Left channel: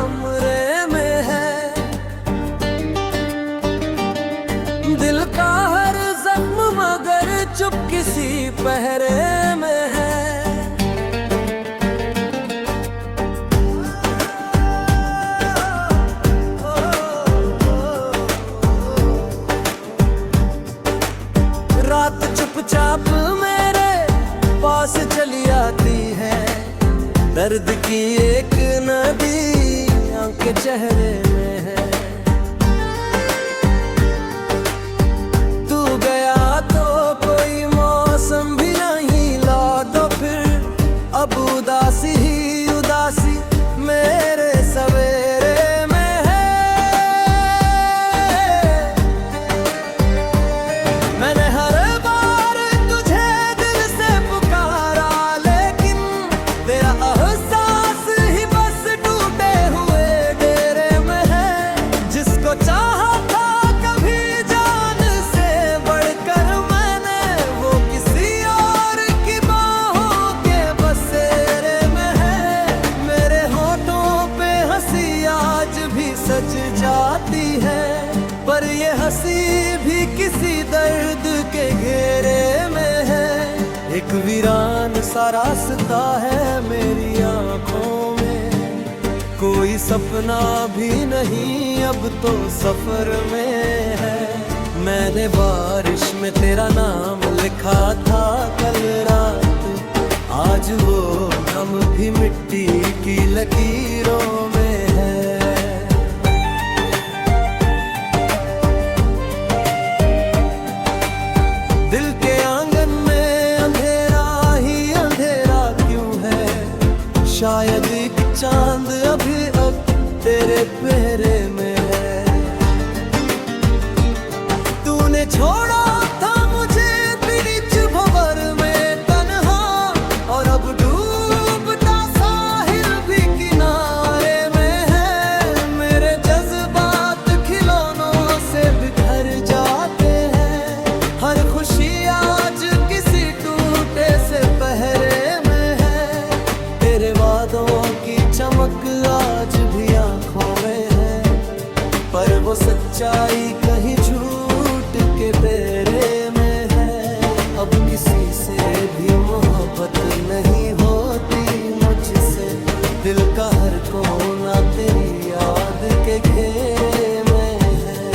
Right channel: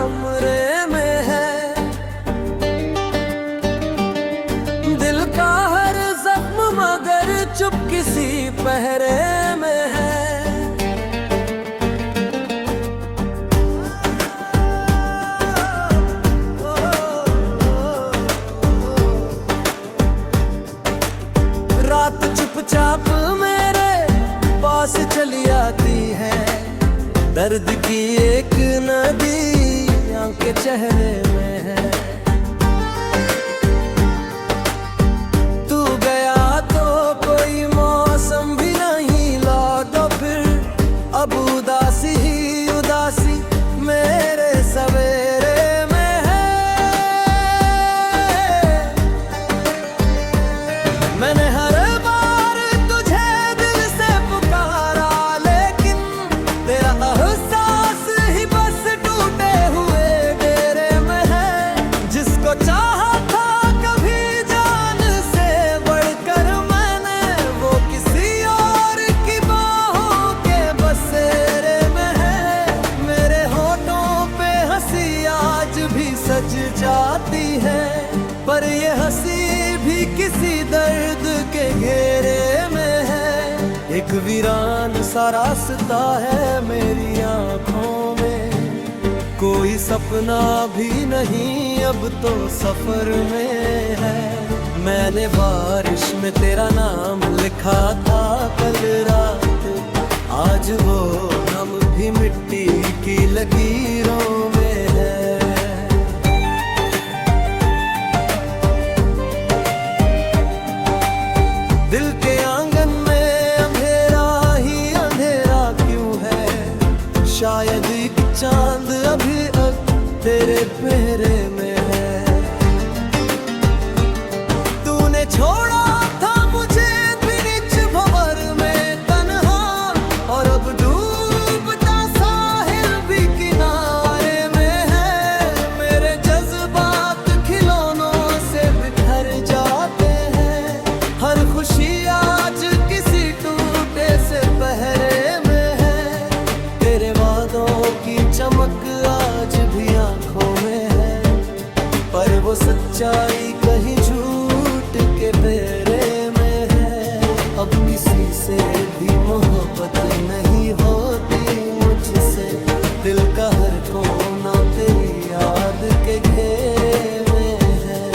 कमरे में है। दिल का हर जख्म मगर चुप किसी पहरे में है। रात चुपचाप मेरे पास चली आती है, दर्द की एक नदी आंख के चेहरे में है। तू गया तो कोई मौसम भी नहीं लौटा फिर, अब उदासी ही उदासी मेरे सवेरे में है। मैंने हर बार तुझे दिल से पुकारा, लेकिन तेरा एहसास ही बस टूटे हुए डेरे में है। जिसको चाहा था कभी जान से बढ़कर मैंने, वो किसी और की बाहों के बसेरे में है। मेरे होठों पे हंसी आज भी सज जाती है, पर ये हंसी भी किसी दर्द के घेरे में है। एक वीरान सा रास्ता है मेरी आंखों में, कोई सपना भी नहीं अब तो सफर में है। मैंने बारिश में तेरा नाम लिखा था कल रात, आज वो नाम भी मिट्टी की लकीरों में है। दिल के आंगन में अंधेरा ही अंधेरा क्यों है, शायद एक चांद अभी अब तेरे पहरे में है। तूने छोड़ा था मुझे बीच भंवर में तन्हा, और अब डूबता साहिल भी किनारे में है। मेरे जज्बात खिलौनों से बिखर जाते हैं, हर खुशी आज किसी टूटे से पहरे में है। तेरे वादों की चमक आज भी आंखों में है, पर वो सच्चाई कहीं झूठ के फेरे में है। अब किसी से भी मोहब्बत नहीं होती मुझसे, दिल का हर कोना तेरी याद के घेरे में है।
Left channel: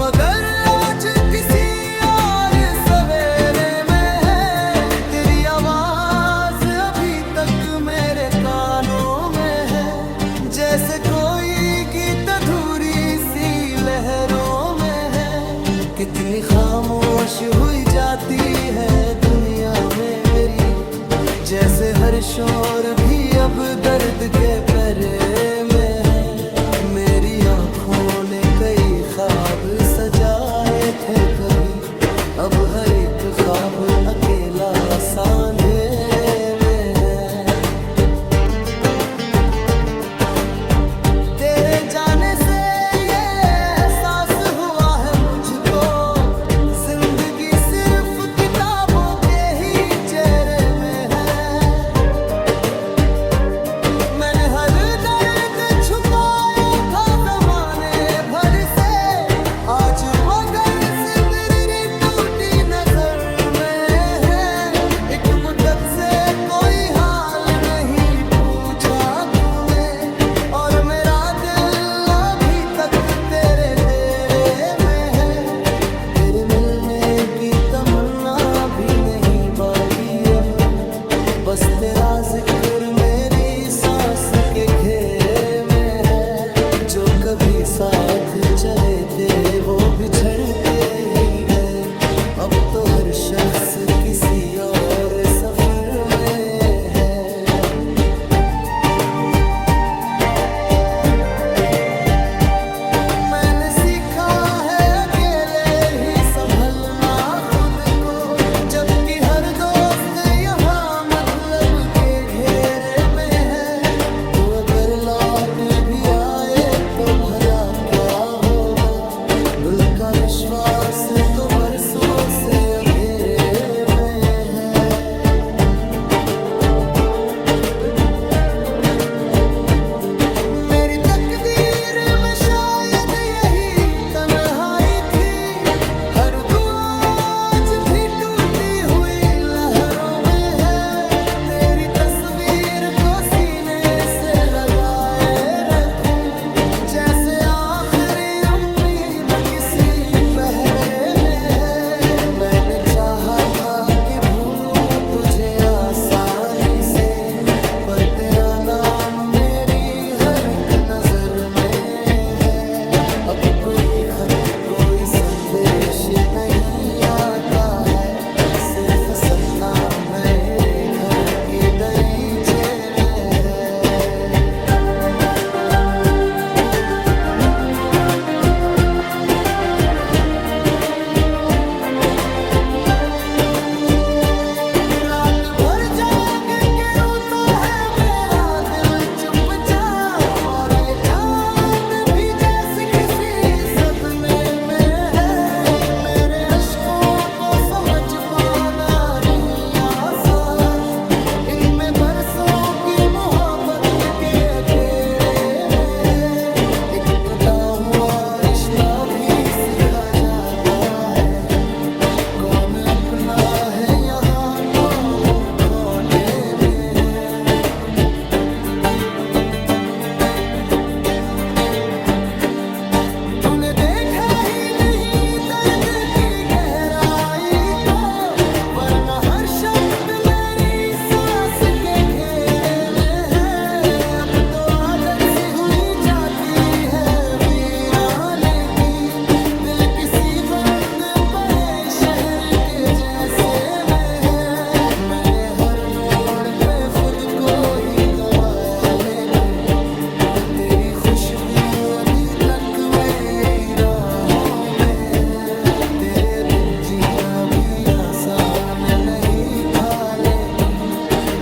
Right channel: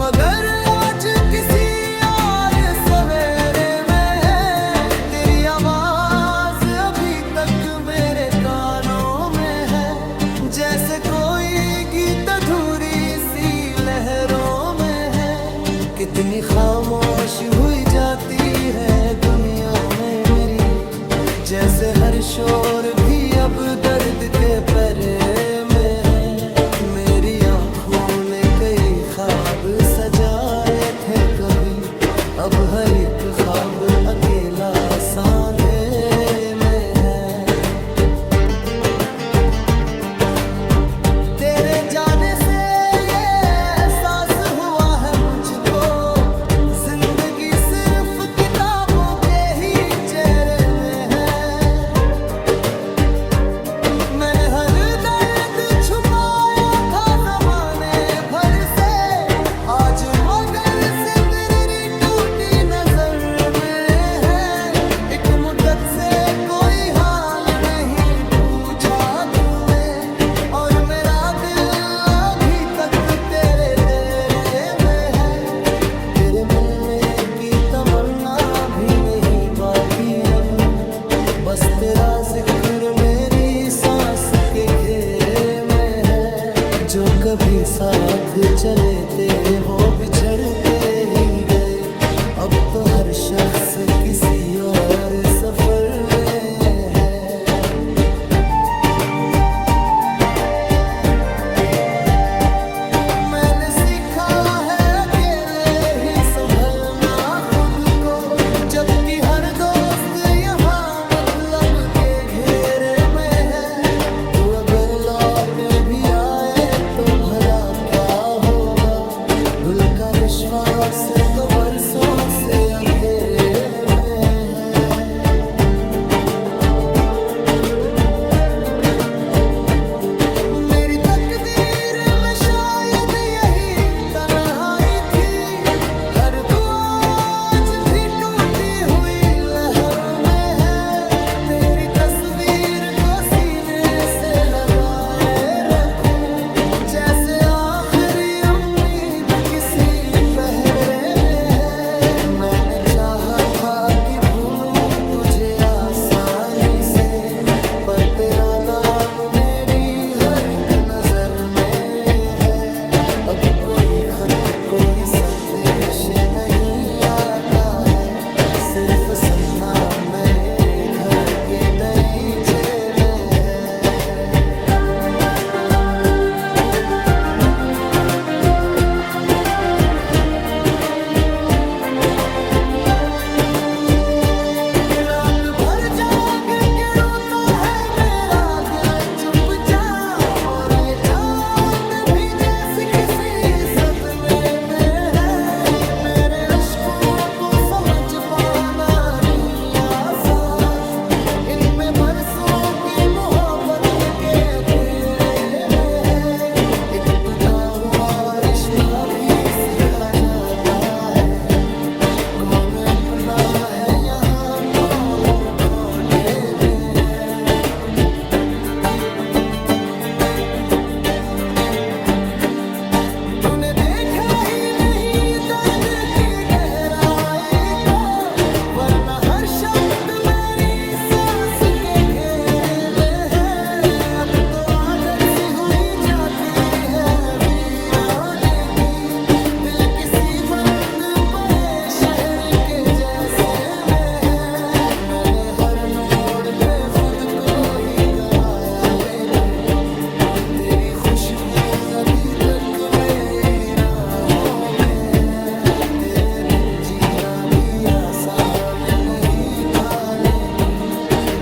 मगर आज किसी और सवेरे में है, तेरी आवाज अभी तक मेरे कानों में है। जैसे कोई गीत अधूरी सी लहरों में है, कितनी खामोश हुई जाती है दुनिया में मेरी। जैसे हर शोर भी अब दर्द के पहरे में है। मेरी आँखों ने कई ख्वाब सजाए थे कभी, अब हर एक ख्वाब अकेला सा अंधेरे में है। तेरे जाने से ये एहसास हुआ है मुझको, जिंदगी सिर्फ किताबों के ही चेहरे में है। मैंने हर दर्द छुपाया था जमाने भर से, आज मगर सिर्फ मेरी टूटी नजर में है। एक मुद्दत से कोई हाल नहीं पूछा तूने, और मेरा दिल अभी तक तेरे डेरे में है। तेरे मिलने की तमन्ना भी नहीं बाकी अब, बस तेरा जिक्र मेरी सांस के घेरे में है। जो कभी साथ चले थे वो बिछड़ते ही गए, अब तो हर शख्स किसी और सफर में है। मैंने सीखा है अकेले ही संभलना खुद को, जबकि हर दोस्त यहाँ मतलब के घेरे में है। तू अगर अगर लौट भी आए तो भला क्या होगा। दिल का विश्वास तो बरसों से अंधेरे में है। मेरी तकदीर में शायद यही तन्हाई थी। हर दुआ आज भी टूटी हुई लहरों में है। तेरी तस्वीर को सीने से लगाए रखूं, जैसे आखिरी उम्मीद किसी पहरे में है। मैंने चाहा था कि भूलूं तुझे आसानी से, पर तेरा नाम मेरी हर एक नजर में है। अब कोई खत कोई संदेश नहीं आता है, सिर्फ सन्ना मेरे घर के दरीचे में है। रात भर जाग के रोता है मेरा दिल चुपचाप, और ये चांद भी जैसे किसी सदमे में है। मेरे अश्कों को समझ पाना नहीं आसान, इनमें बरसों की मोहब्बत के अधेरे में है। एक टूटा हुआ रिश्ता भी सिखा जाता है, कौन अपना है यहाँ कौन खोटे में है। तूने देखा ही नहीं दर्द की गहराई को, वरना हर शब्द मेरी सांस के घेरे में है। अब तो आदत सी हुई जाती है वीराने की, दिल किसी बंद पड़े शहर के जैसे में है। मैंने हर मोड़ पे खुद को ही गवाया, लेकिन तेरी खुशबू अभी तक मेरी राहों में है। तेरे बिन जीना भी आसान नहीं था, लेकिन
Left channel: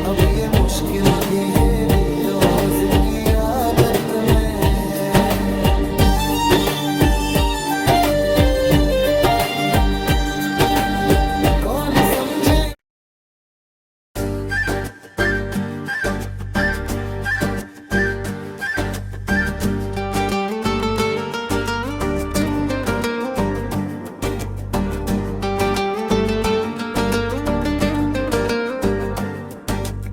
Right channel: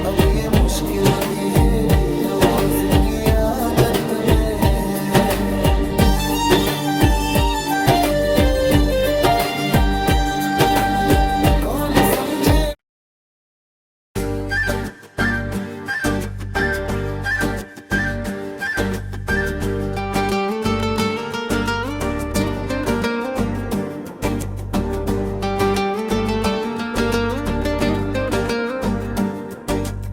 अब ये मुश्किल भी मेरी रोज की आदत में है। कौन समझे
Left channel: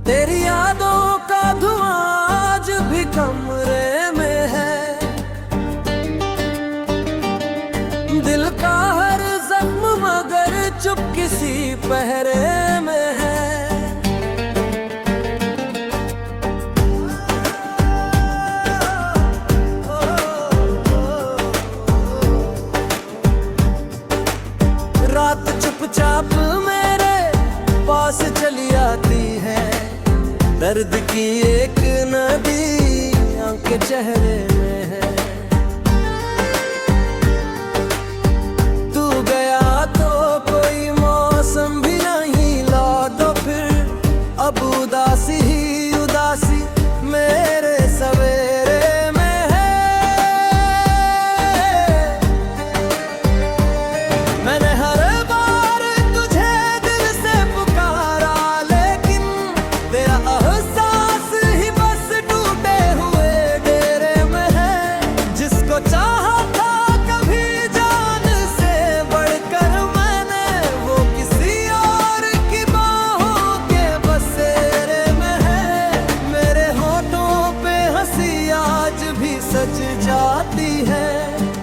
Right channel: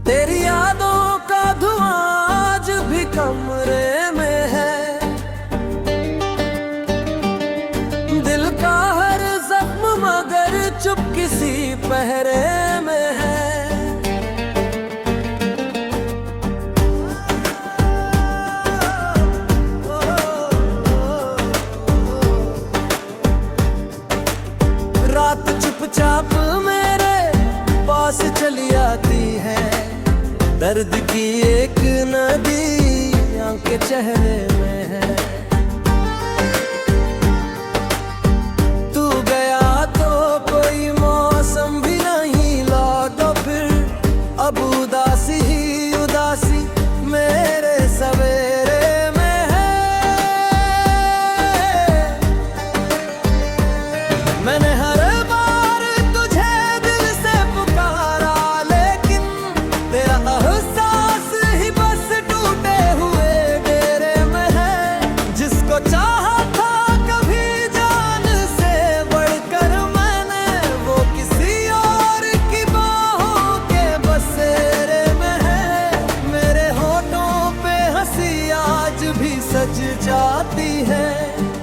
तेरी यादों का धुआं आज भी कमरे में है। दिल का हर जख्म मगर चुप किसी पहरे में है। रात चुपचाप मेरे पास चली आती है, दर्द की एक नदी आंखें चेहरे में है। तू गया तो कोई मौसम भी नहीं लौटा फिर, अब उदासी ही उदासी मेरे सवेरे में है। मैंने हर बार तुझे दिल से पुकारा, लेकिन तेरा एहसास ही बस टूटे हुए डेरे में है। जिसको चाहा था कभी जान से बढ़कर मैंने, वो किसी और की बाहों के बसेरे में है। मेरे होठों पे हंसी आज भी सज जाती है,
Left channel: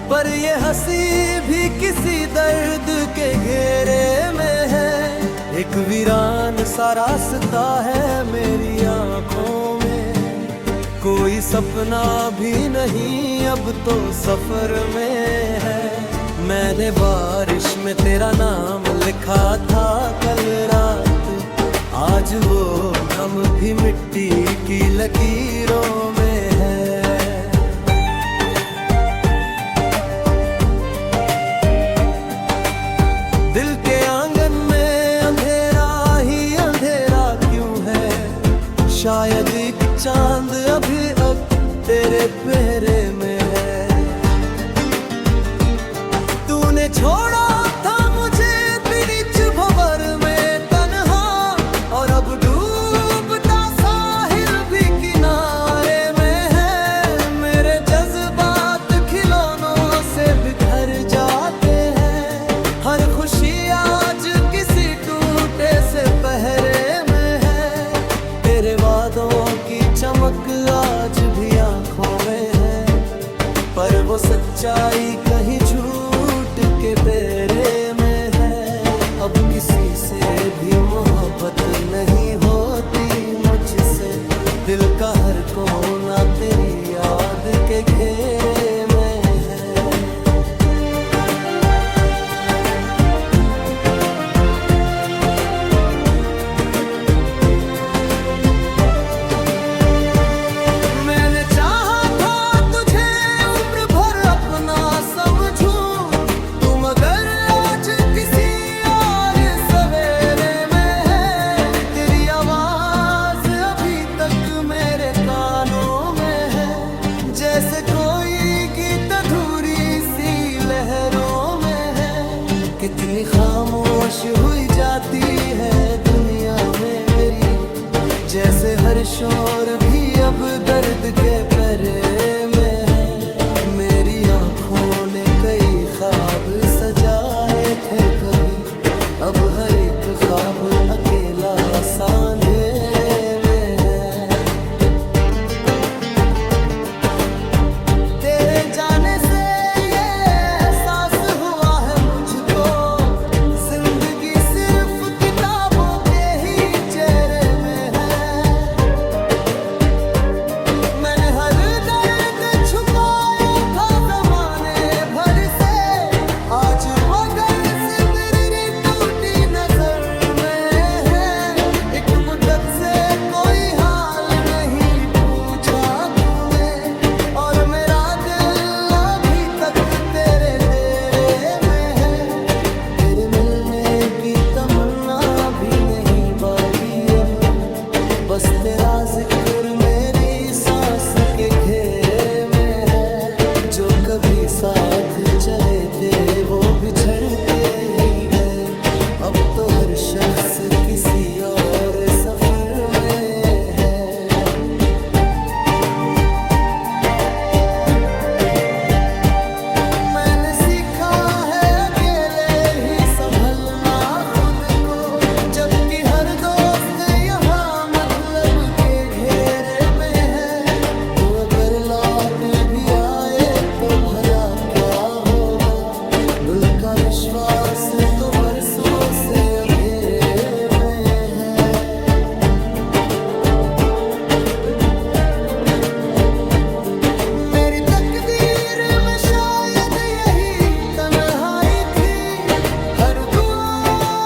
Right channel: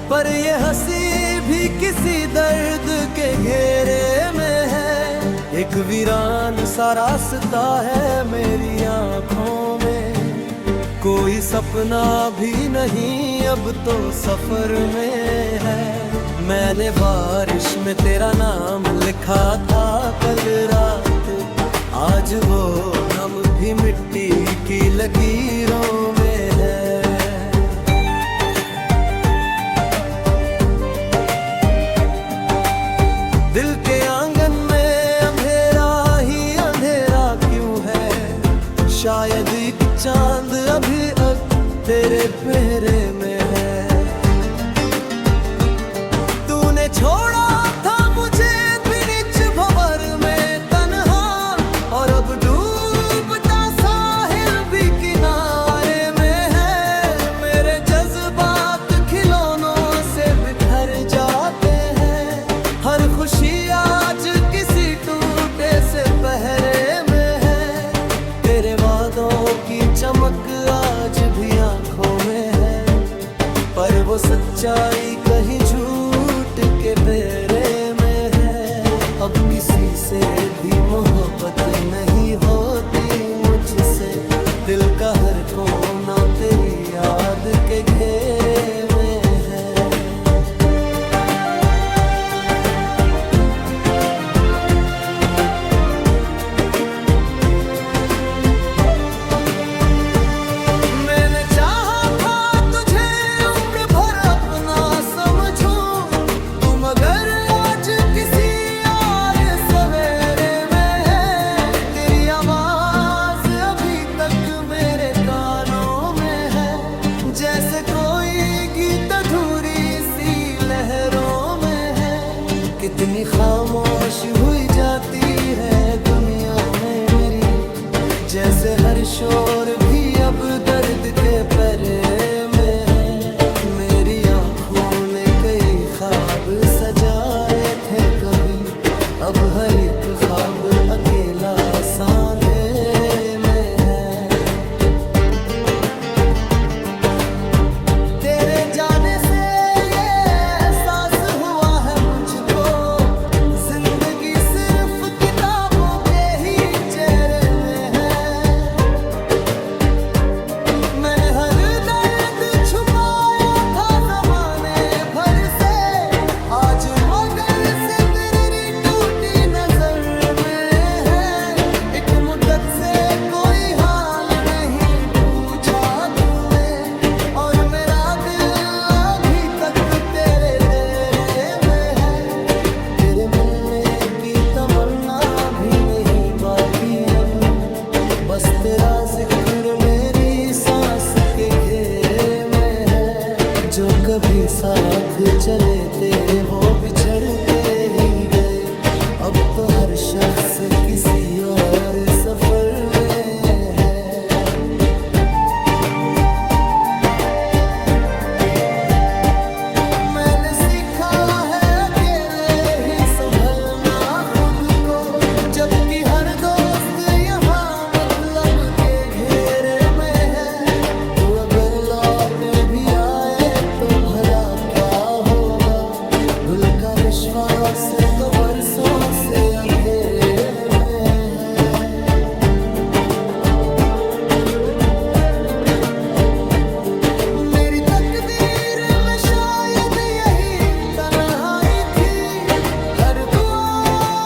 पर ये हंसी भी किसी दर्द के घेरे में है। एक वीरान सा रास्ता है मेरी आंखों में, कोई सपना भी नहीं अब तो सफर में है। मैंने बारिश में तेरा नाम लिखा था कल रात, आज वो नम भी मिट्टी की लकीरों में है। दिल के आंगन में अंधेरा ही अंधेरा क्यों है, शायद एक चांद अभी तेरे पहरे में है। तूने छोड़ा था मुझे बीच भंवर में तन्हा, और अब डूबता साहिल भी किनारे में है। मेरे जज्बात खिलौनों से बिखर जाते हैं, हर खुशी आज किसी टूटे से पहरे में है। तेरे वादों की चमक आज भी आंखों में है, पर वो सच्चाई कहीं झूठ के फेरे में है। अब किसी से भी मोहब्बत नहीं होती मुझसे, दिल का हर कोना तेरी याद के घेरे में है। मैंने चाहा था तुझे उम्र भर अपना समझूं, तू मगर आज किसी और सवेरे में है। तेरी आवाज अभी तक मेरे कानों में है, जैसे कोई गीत अधूरी सी लहरों में है। कितनी खामोश हुई जाती है दुनिया में मेरी, जैसे हर शोर भी अब दर्द के पहरे में है। मेरी आँखों ने कई ख्वाब सजाए थे कभी, अब हर एक ख्वाब अकेला सा अंधेरे में है। तेरे जाने से ये एहसास हुआ है मुझको, जिंदगी सिर्फ किताबों के ही चेहरे में है। मैंने हर दर्द छुपाया था ज़माने भर से, आज मगर से मेरी टूटी नजर में है। एक मुद्दत से कोई हाल नहीं पूछा तूने, और मेरा दिल अभी तक तेरे डेरे में है। तेरे मिलने की तमन्ना भी नहीं बाकी अब, बस तेरा जिक्र मेरी सांस के घेरे में है। जो कभी साथ चले थे वो बिछड़ते ही गए, अब तो हर शख्स किसी और सफर में है। मैंने सीखा है अकेले ही संभलना खुद को, जबकि हर दोस्त यहाँ मतलब के घेरे में है। तू अगर लौट भी आए तो भला क्या होगा, दिल का विश्वास तो बरसों से अंधेरे में है। मेरी तकदीर में शायद यही तन्हाई थी, हर दुआ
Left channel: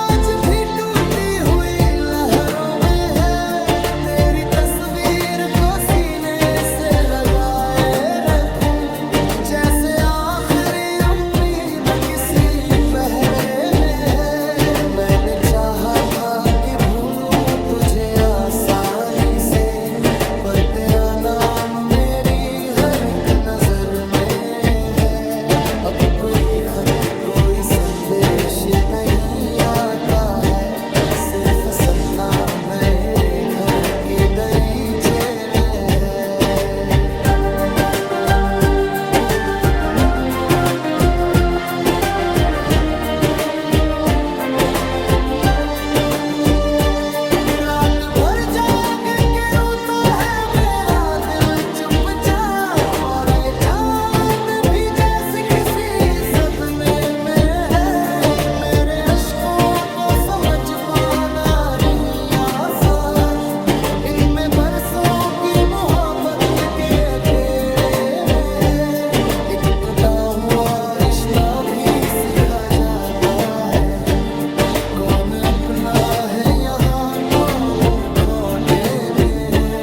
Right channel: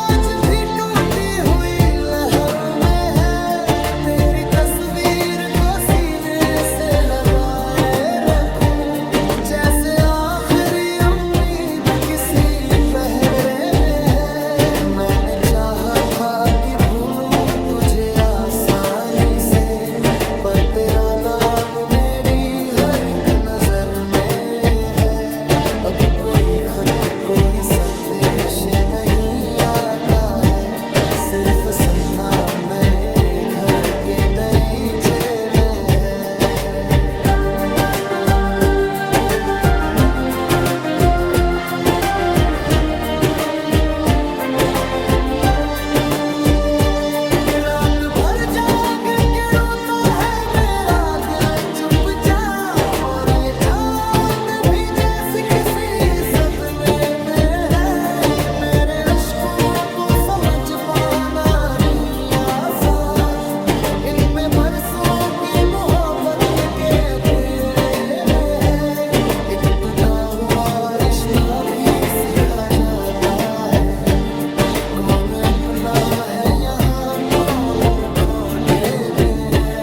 आज भी टूटी हुई लहरों में है। तेरी तस्वीर को सीने से लगाए रखूं, जैसे आखिरी उम्मीद किसी पहरे में है। मैंने चाहा था कि भूलूं तुझे आसानी से, पर तेरा नाम मेरी हर एक नजर में है। अब कोई खत कोई संदेश नहीं आता है, सिर्फ सन्ना मेरे घर के दरीचे में है। रात भर जाग के रोता है मेरा दिल चुपचाप, और ये चांद भी जैसे किसी सदमे में है। मेरे अश्कों को समझ पाना नहीं आसान, इनमें बरसों की मोहब्बत के अंधेरे में है। एक टूटा हुआ रिश्ता भी सिखा जाता है, कौन अपना है यहाँ कौन खोटे में है।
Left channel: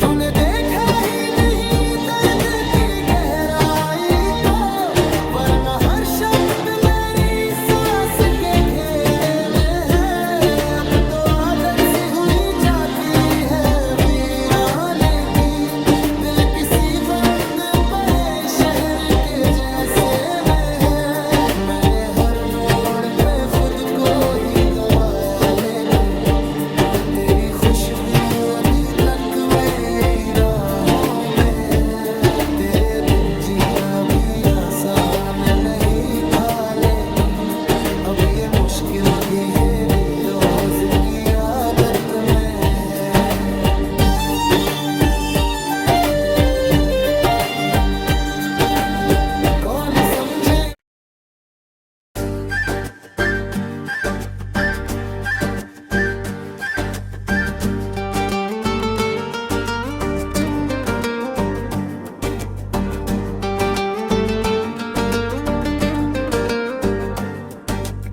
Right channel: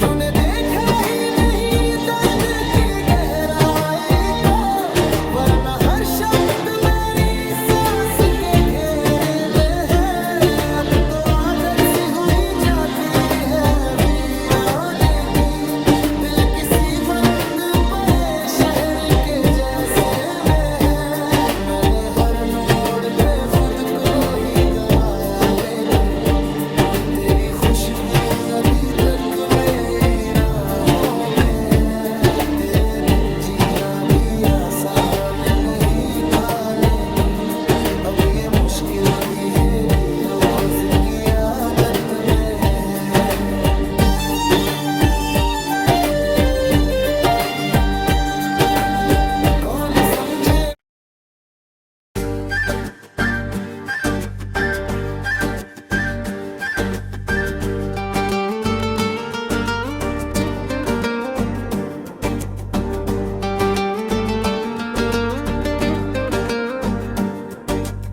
तूने देखा ही नहीं दर्द की गहराई को, वरना हर शब्द मेरी सांस के घेरे में है। अब तो आ को ही गवाया, लेकिन तेरी खुशबू अभी तक मेरी राहों में है। तेरे बिन जीना भी आसान नहीं था, लेकिन अब ये मुश्किल भी मेरी रोज की आदत में है। कौन समझे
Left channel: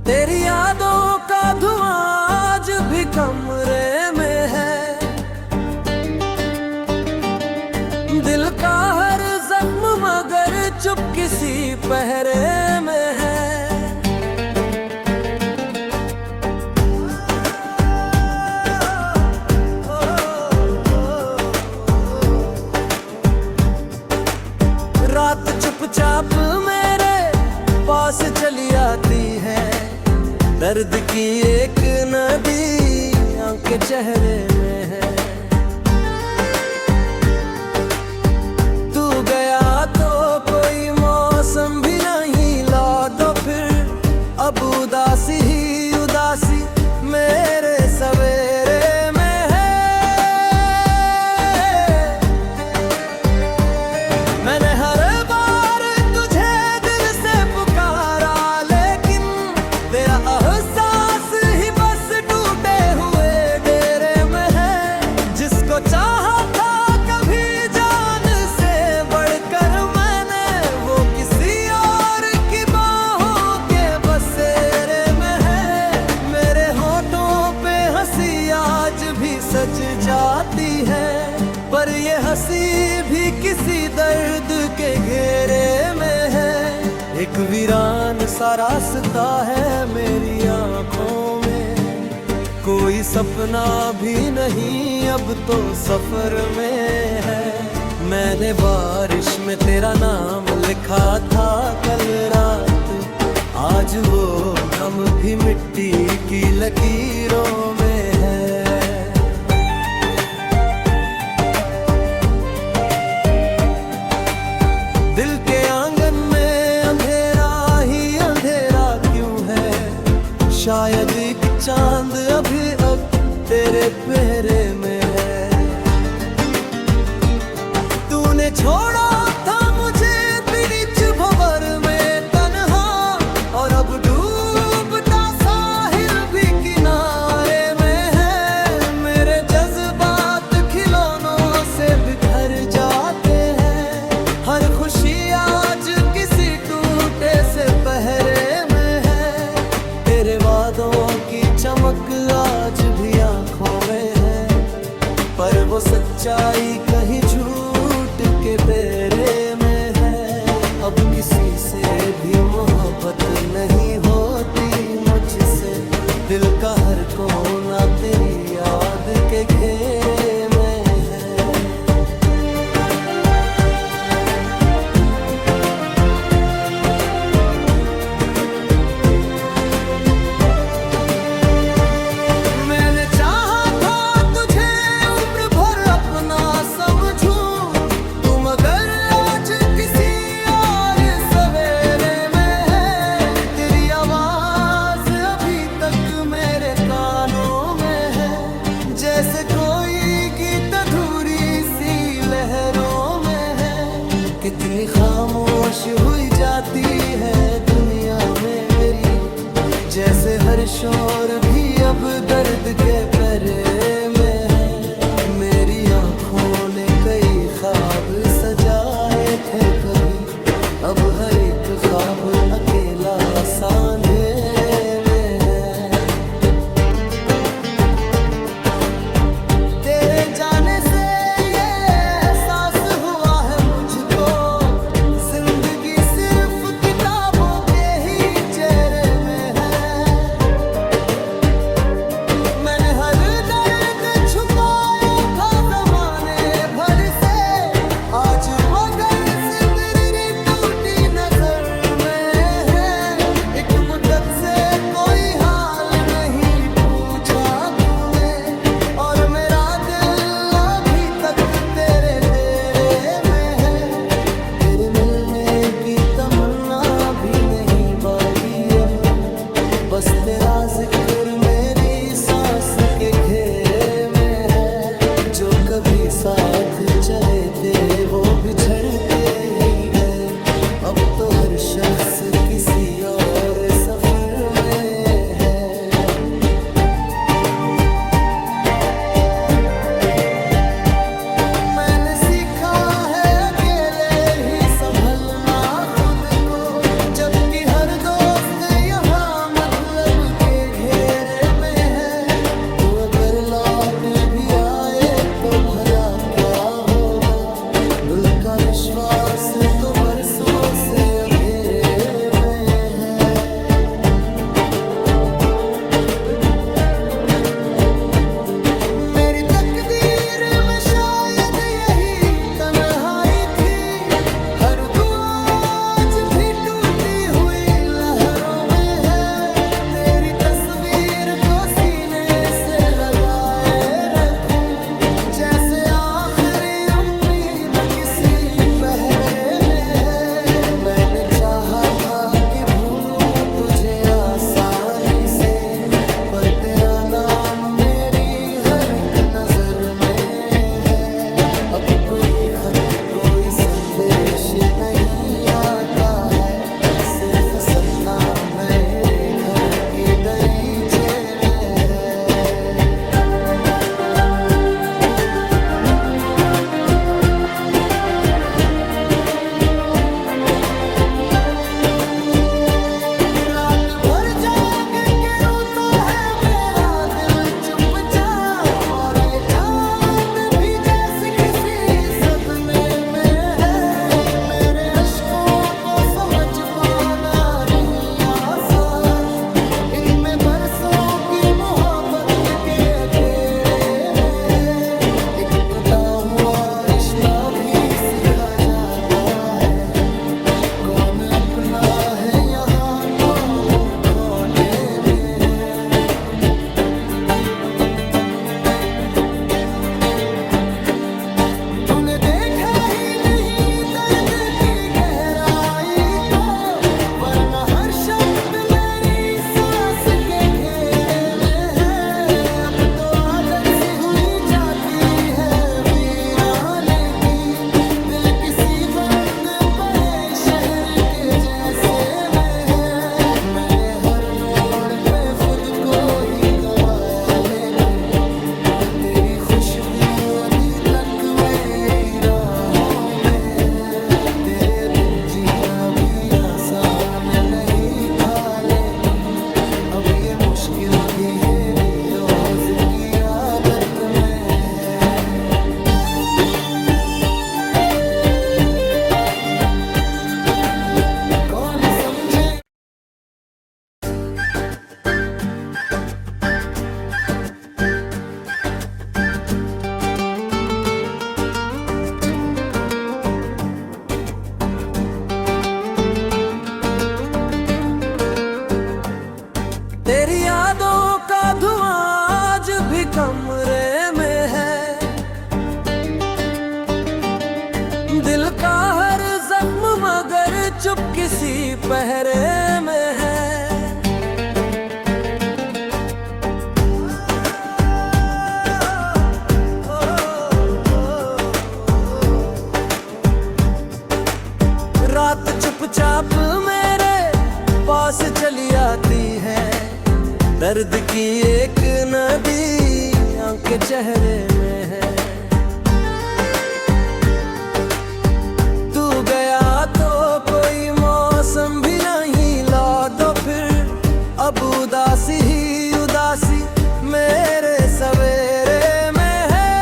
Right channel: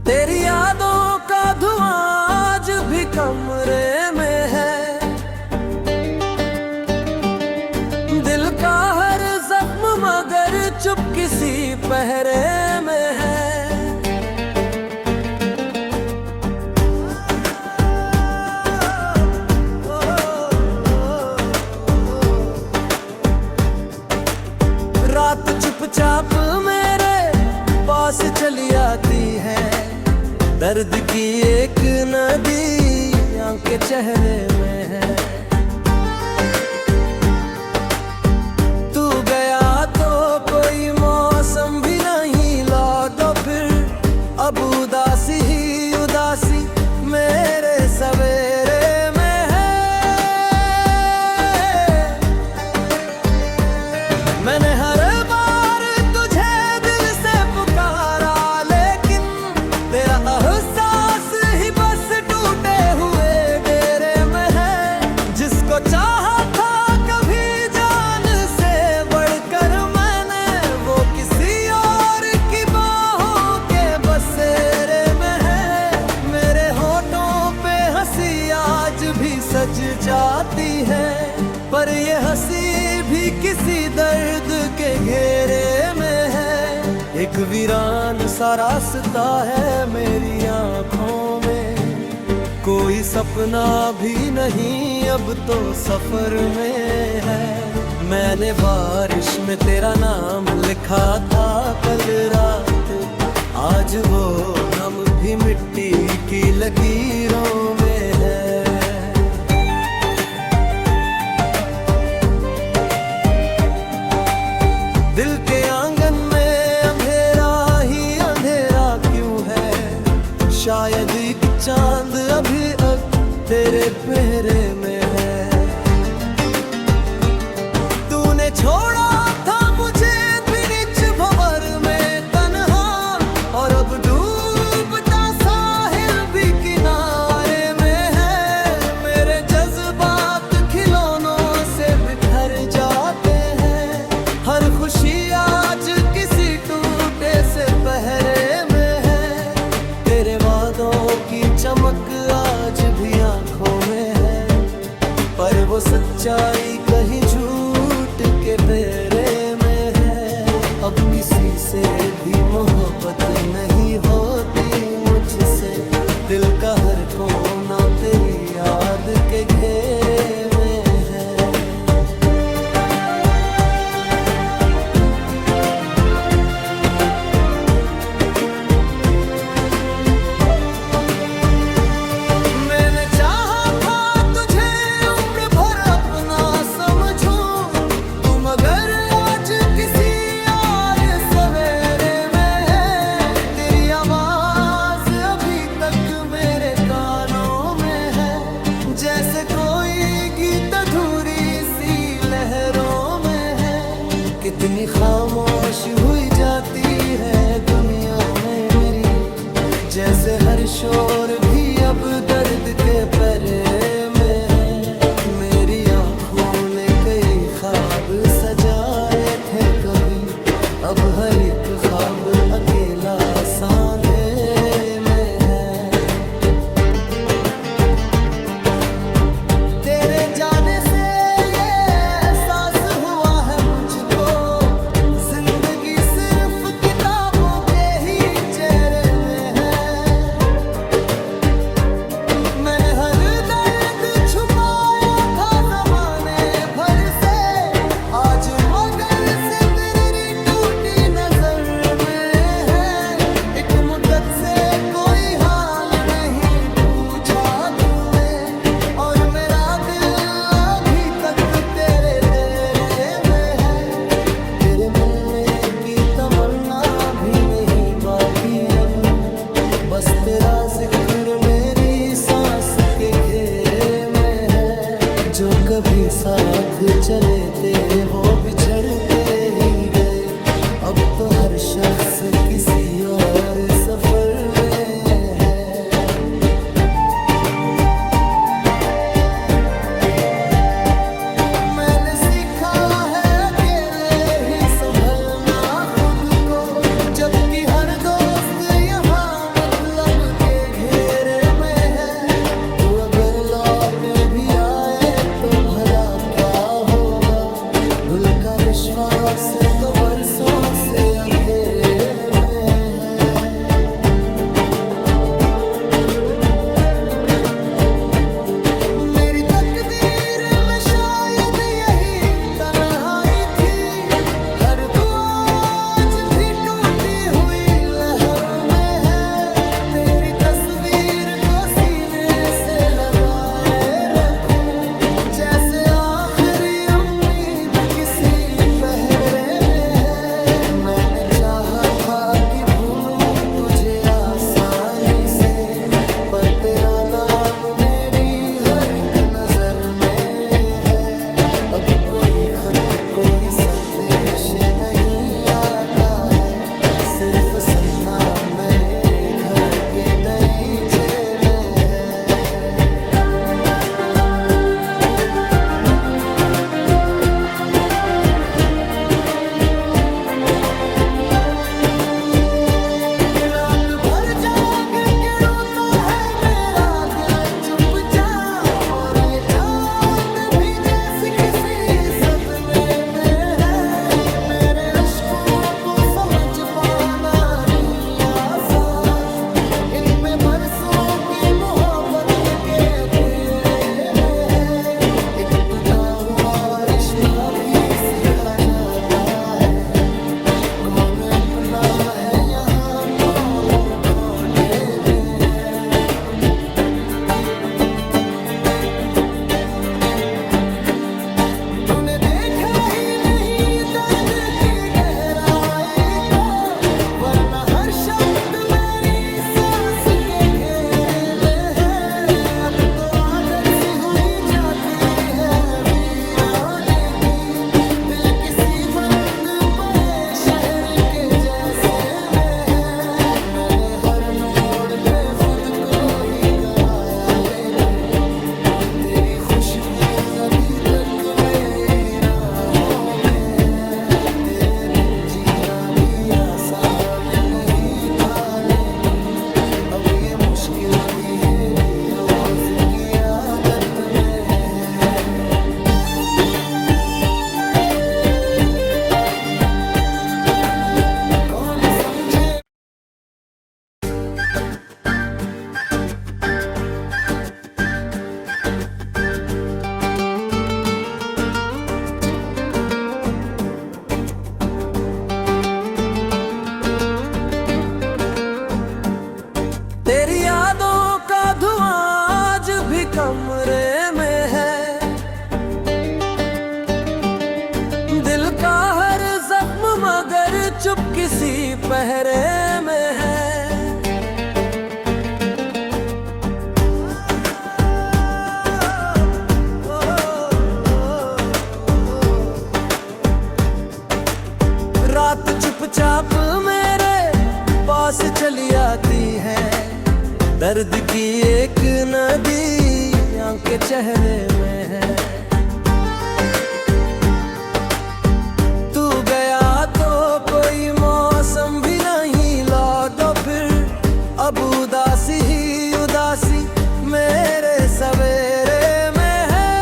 तेरी यादों का धुआं आज भी कमरे में है। दिल का हर जख्म मगर चुप किसी पहरे में है। रात चुपचाप मेरे पास चली आती है, दर्द की एक नदी आंखें चेहरे में है। तू गया तो कोई मौसम भी नहीं लौटा, फिर अब उदासी ही उदासी मेरे सवेरे में है। मैंने हर बार तुझे दिल से पुकारा, लेकिन तेरा एहसास ही बस टूटे हुए डेरे में है। जिसको चाहा था कभी जान से बढ़कर मैंने, वो किसी और की बाहों के बसेरे में है। मेरे होठों पे हंसी आज भी सज जाती है, पर ये हंसी भी किसी दर्द के घेरे में है। एक वीरान सा रास्ता है मेरी आंखों में, कोई सपना भी नहीं अब तो सफर में है। मैंने बारिश में तेरा नाम लिखा था कल रात, आज वो नम भी मिट्टी की लकीरों में है। दिल के आंगन में अंधेरा ही अंधेरा क्यों है, शायद एक चांद अभी अब तेरे पहरे में है। तूने छोड़ा था मुझे बीच भंवर में तन्हा, और अब डूबता साहिल भी किनारे में है। मेरे जज्बात खिलौनों से बिखर जाते हैं, हर खुशी आज किसी टूटे से पहरे में है। तेरे वादों की चमक आज भी आंखों में है, पर वो सच्चाई कहीं झूठ के फेरे में है। अब किसी से भी मोहब्बत नहीं होती मुझसे, दिल का हर कोना तेरी याद के घेरे में है। चाहा था तुझे उम्र भर अपना समझूं, तू मगर आज किसी और सवेरे में है। तेरी आवाज अभी तक मेरे कानों में है, जैसे कोई गीत अधूरी सी लहरों में है। कितनी खामोश हुई जाती है दुनिया में मेरी, जैसे हर शोर भी अब दर्द के पहरे में है। मेरी आंखों ने कई ख्वाब सजाए थे कभी, अब हर एक ख्वाब अकेला सा अंधेरे में है। तेरे जाने से ये एहसास हुआ है मुझको, जिंदगी सिर्फ किताबों के ही चेहरे में है। मैंने हर दर्द छुपाया था जमाने भर से, आज मगर सिर्फ मेरी टूटी नजर में है। एक मुद्दत से कोई हाल बस तेरा जिक्र मेरी सांस के घेरे में है। जो कभी साथ चले थे वो बिछड़ते ही गए, अब तो हर शख्स किसी और सफर में है। मैंने सीखा है अकेले ही संभलना खुद को, जबकि हर दोस्त यहाँ मतलब के घेरे में है। तू अगर लौट भी आए तो भला क्या होगा, दिल का विश्वास तो बरसों से अंधेरे में है। मेरी तकदीर में शायद यही तन्हाई थी, हर दुआ आज भी टूटी हुई लहरों में है। तेरी तस्वीर को सीने से लगाए रखूं, जैसे आखिरी उम्मीद किसी पहरे में है। मैंने चाहा था कि भूलूं तुझे आसानी से, पर तेरा नाम मेरी हर एक नजर में है। अब कोई खत कोई संदेश नहीं आता है, सिर्फ सन्ना मेरे घर के दरीचे में है। रात भर जाग के रोता है मेरा दिल चुपचाप, और ये चांद भी जैसे किसी सदमे में है। मेरे अश्कों को समझ पाना नहीं आसान, इनमें बरसों की मोहब्बत के अधेरे में है। एक टूटा हुआ रिश्ता भी सिखा जाता है, कौन अपना है यहाँ कौन खोटे में है। तूने देखा ही नहीं दर्द की गहराई को, वरना हर शब्द मेरी सांस के घेरे में है। अब तो आदत सी हुई जाती है वीराने की, दिल किसी बंद पड़े शहर के जैसे में है। मैंने हर मोड़ पे खुद को ही गवाया, लेकिन तेरी खुशबू अभी तक मेरी राहों में है। तेरे बिन जीना भी आसान नहीं था, लेकिन अब ये मुश्किल भी मेरी रोज की आदत में है। कौन समझे तेरी यादों का धुआं आज भी कमरे में है। दिल का हर जख्म मगर चुप किसी पहरे में है। रात चुपचाप मेरे पास चली आती है, दर्द की एक नदी आंखें चेहरे में है। तू गया तो कोई मौसम भी नहीं लौटा फिर, अब उदासी ही उदासी मेरे सवेरे में है।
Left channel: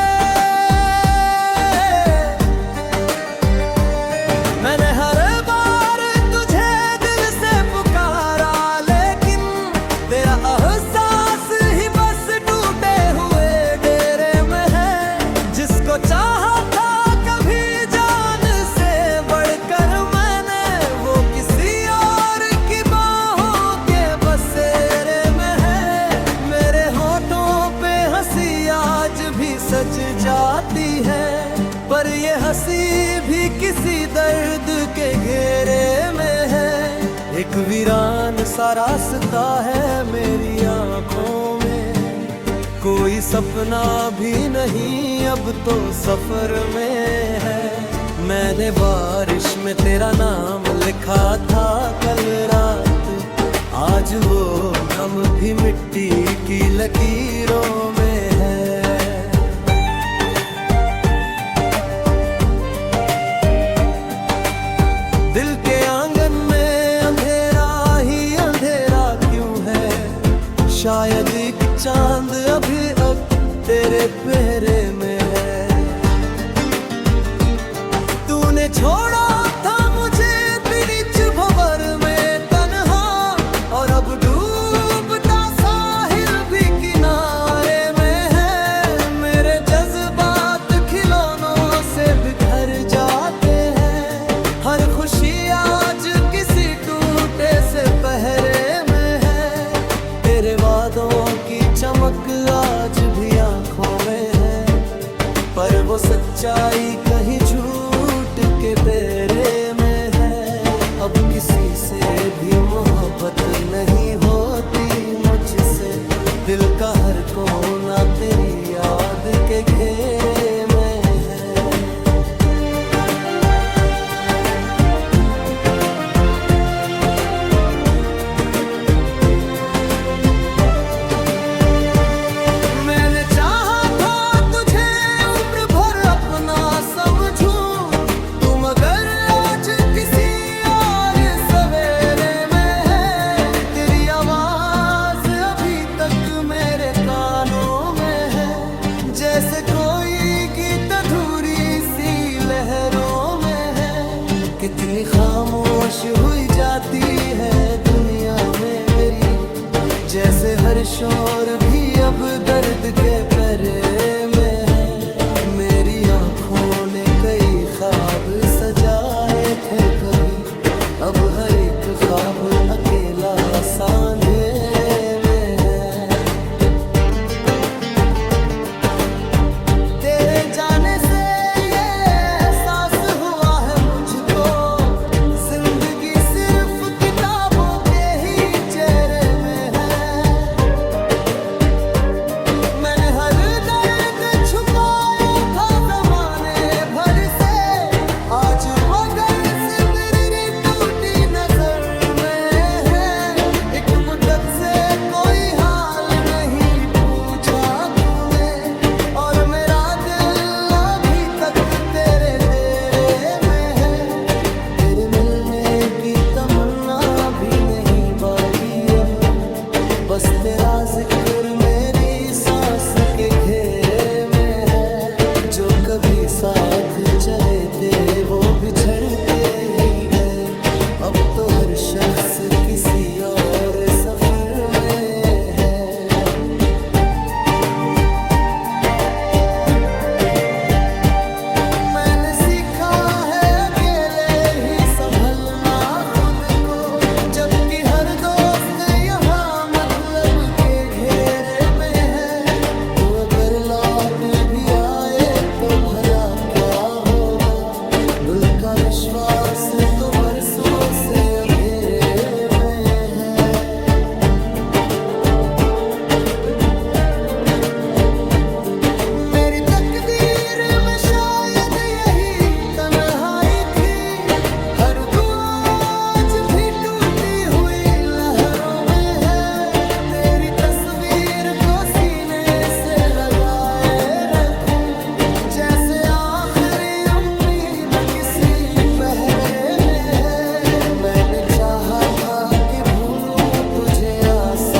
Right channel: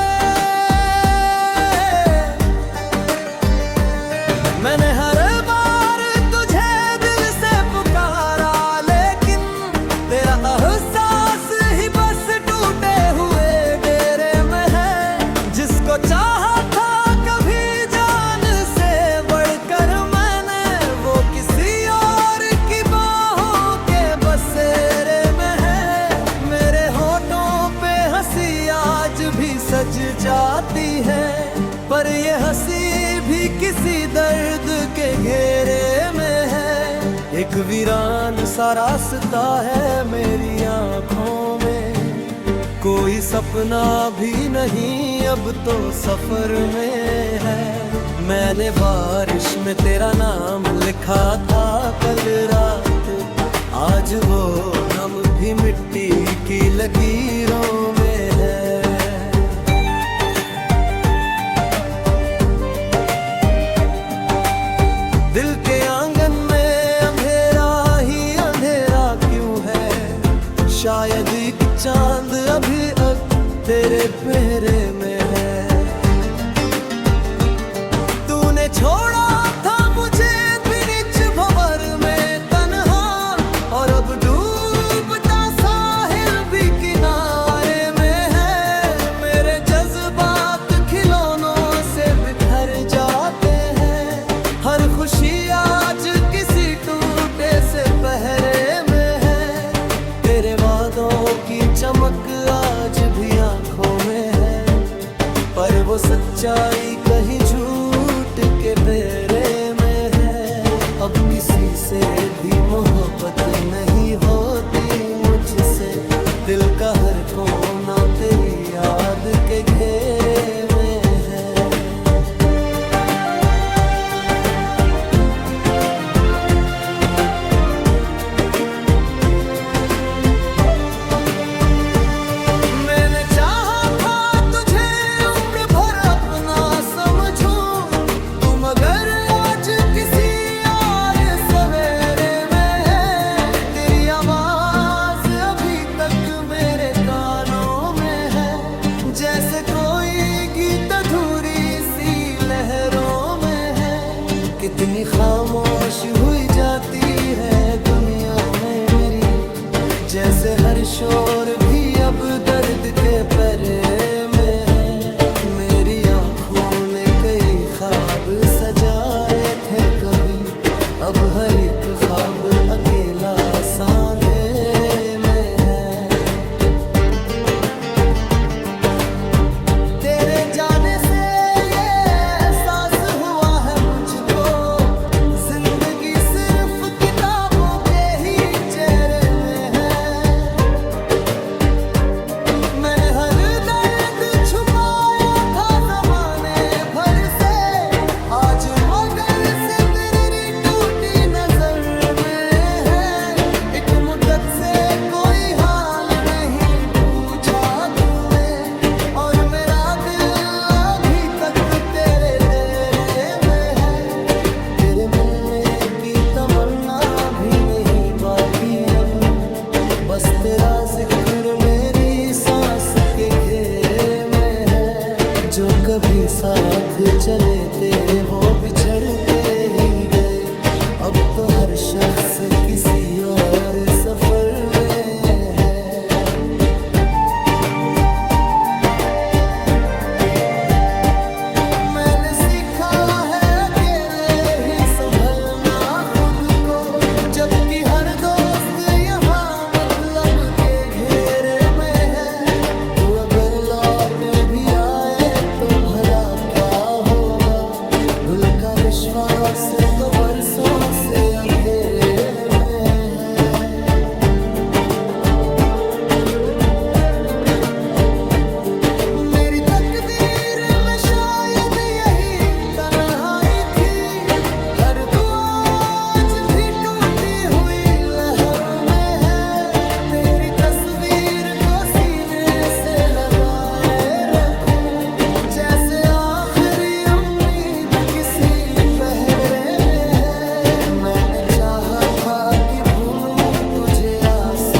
मैंने हर बार तुझे दिल से पुकारा, लेकिन तेरा एहसास ही बस टूटे हुए डेरे में है। जिसको चाहा था कभी जान से बढ़कर मैंने, वो किसी और की बाहों के बसेरे में है। मेरे होठों पे हंसी आज भी सज जाती है, पर ये हंसी भी किसी दर्द के घेरे में है। एक वीरान सा रास्ता है मेरी आंखों में, कोई सपना भी नहीं अब तो सफर में है। मैंने बारिश में तेरा नाम लिखा था कल रात, आज वो नम भी मिट्टी की लकीरों में है। दिल के आंगन में अंधेरा ही अंधेरा क्यों है, शायद एक चांद अभी अब तेरे पहरे में है। तूने छोड़ा था मुझे बीच भंवर में तन्हा, और अब डूबता साहिल भी किनारे में है। मेरे जज्बात खिलौनों से बिखर जाते हैं, हर खुशी आज किसी टूटे से पहरे में है। तेरे वादों की चमक आज भी आंखों में है, पर वो सच्चाई कहीं झूठ के फेरे में है। अब किसी से भी मोहब्बत नहीं होती मुझसे, दिल का हर कोना तेरी याद के घेरे में है। मगर आज किसी और सवेरे में है, तेरी आवाज अभी तक मेरे कानों में है। जैसे कोई गीत अधूरी सी लहरों में है, कितनी खामोश हुई जाती है दुनिया में मेरी। जैसे हर शोर भी अब दर्द के पहरे में है। मेरी आँखों ने कई ख्वाब सजाए थे कभी, अब हर एक ख्वाब अकेला सा अंधेरे में है। तेरे जाने से ये एहसास हुआ है मुझको, जिंदगी सिर्फ किताबों के ही चेहरे में है। मैंने हर दर्द छुपाया आज, मगर से तेरी टूटी नजर में है। एक मुद्दत से कोई हाल नहीं पूछा तूने, और मेरा दिल अभी तक तेरे डेरे में है। तेरे मिलने की तमन्ना भी नहीं बाकी अब, बस तेरा जिक्र मेरी सांस के घेरे में है। जो कभी साथ चले थे वो बिछड़ते ही गए, अब तो हर शख्स किसी और सफर में है। मैंने सीखा है अकेले ही संभलना खुद को, जबकि हर दोस्त यहाँ मतलब के घेरे में है। तू अगर लौट भी आए तो भला क्या होगा, दिल का विश्वास तो बरसों से अंधेरे में है। मेरी तकदीर में शायद यही तन्हाई थी, हर दुआ आज भी टूटी हुई लहरों में है। तेरी तस्वीर को सीने से लगाए जैसे आखिरी उम्मीद किसी पहरे में है। मैंने चाहा था कि भूलूं तुझे आसान